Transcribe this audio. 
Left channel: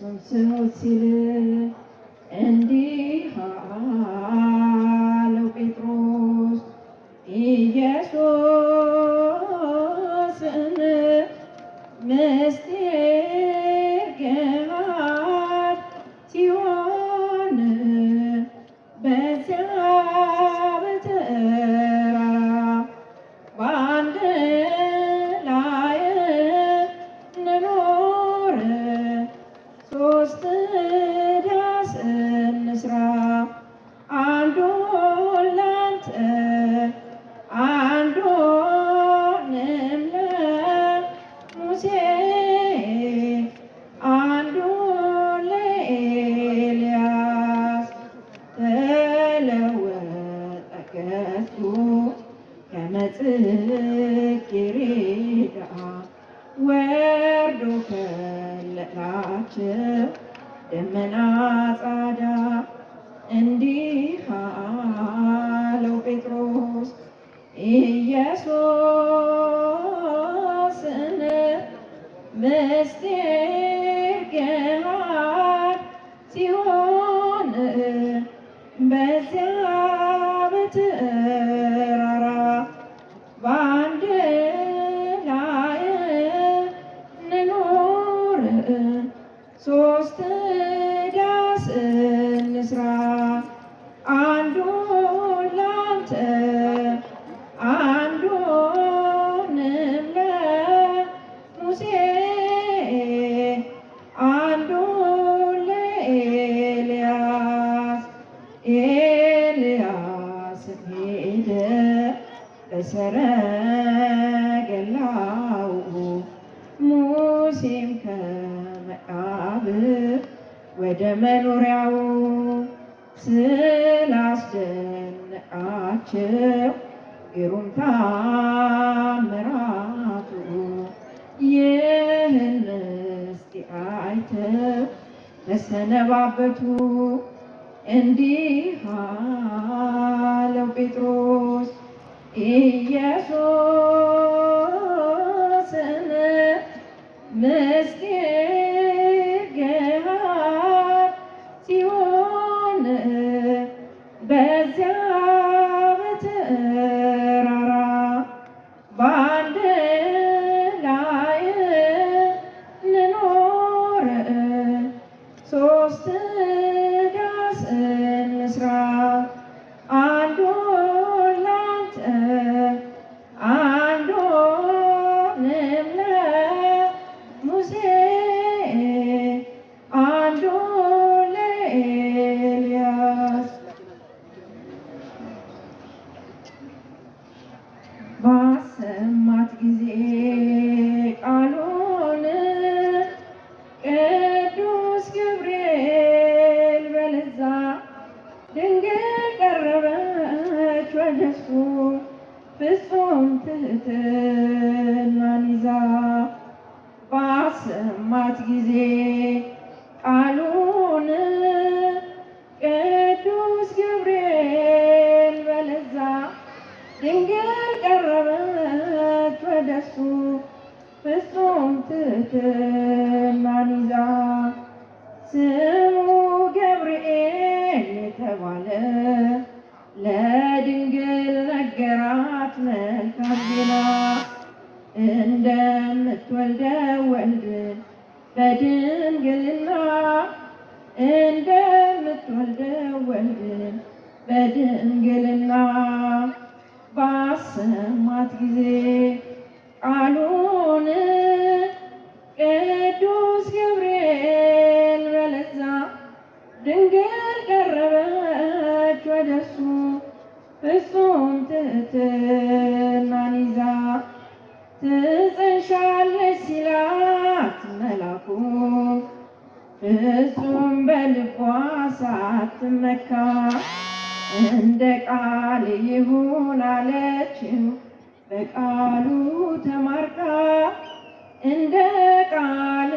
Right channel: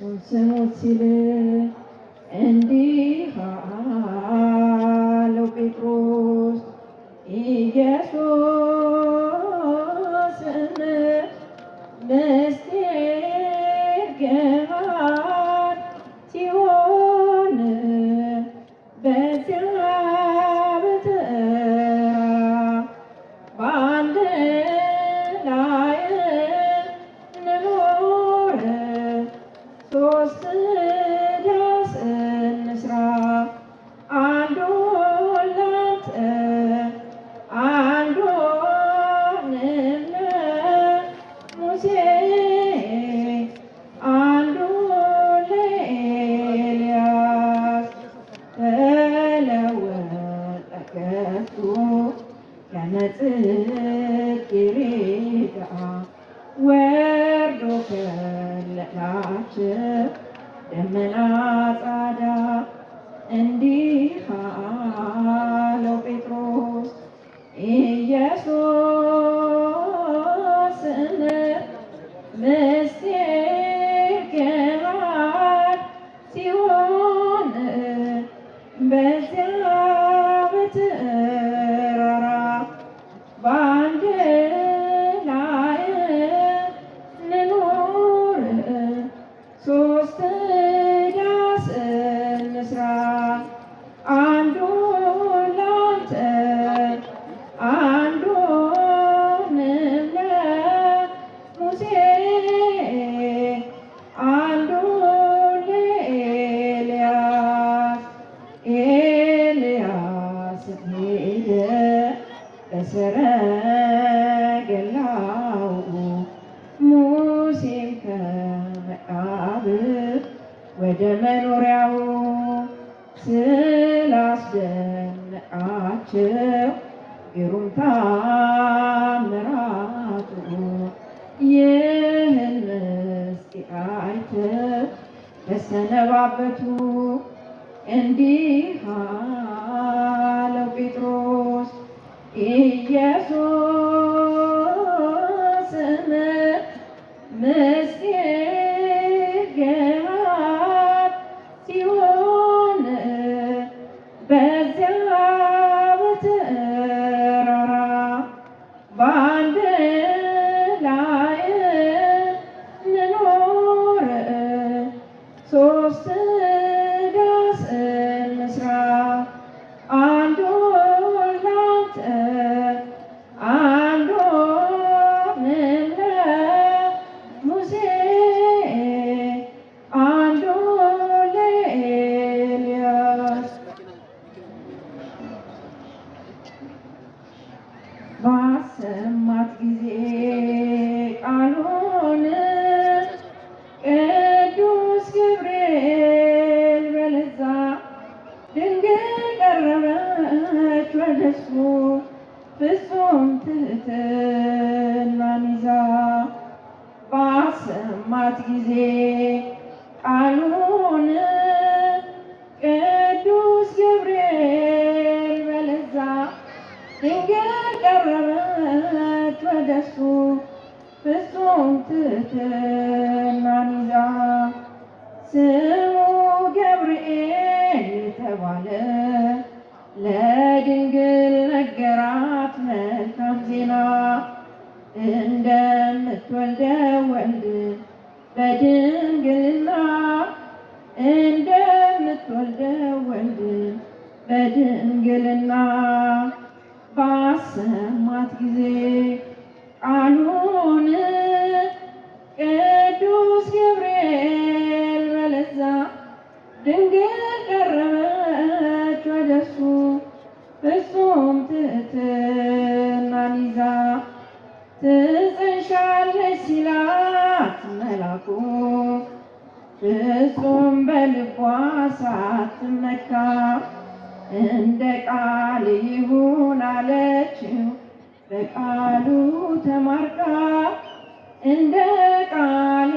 እርሱን ስሙት ሲል እንዲህ አለው ጴጥሮስ ኢየሱስን ምስጢር ገሃድ ሲሆን በዚያ በተራራ በአንድ ላይ እንኖር ሶስት ዳስ እንስራ አንዱን ላንተ አንዱንም ለሙሴ አንዱን ለኤልያስ ተለወጠ ገጹ ከመጽጌረዳ ወርዶ ከለላቸው ደመና ጻዳ እንዲህ አለው ጴጥሮስ ኢየሱስን ምስጢር ገሃድ ሲሆን በዚያ በተራራ በአንድ ላይ እንኖር ሶስት ዳስ እንስራ አንዱን ላንተ አንዱንም ለሙሴ አንዱን ለኤልያስ ኤልያስም ሄደ በሰረገላው ሙሴም ከመቃብር ወደ መኖሪያው ስላስደነቃቸው ግሩም ታምራቱ ይህን ምስጢር አይተው ተሰነባበቱ። እንዲህ አለው ጴጥሮስ ኢየሱስን ምስጢር ገሃድ ሲሆን በዚያ በተራራ በአንድ ላይ እንኖር ሶስት ዳስ እንስራ አንዱን ላንተ አንዱንም ለሙሴ አንዱን ለኤልያስ ባሰማት ጊዜ ቃሉን ቅዱስ ገብርኤል በለዛ ድንግል ቀረበች ወደሱ ፍጹም ትሕትናን ይዛ ባሰማት ጊዜ ቃሉን ቅዱስ ገብርኤል በለዛ ድንግል ቀረበች ወደሱ ፍጹም ትሕትናን ይዛ ስሙ ገብርኤል የተባለ ለድንግል ነገራት መልካም ዜና እንደምትወልደው ወልድ በድንግልና እንደምትወልደው ወልድ በድንግልና ባሰማት ጊዜ ቃሉን ቅዱስ ገብርኤል በለዛ ድንግል ቀረበች ወደሱ ፍጹም ትሕትናን ይዛ ትጸንሻለች ሲላት መላኩ ፍጹም በልቧ ሳትመካ እንደ ቃል ይሁን አለችው በቃሉ ተማርካ እንደ ቃል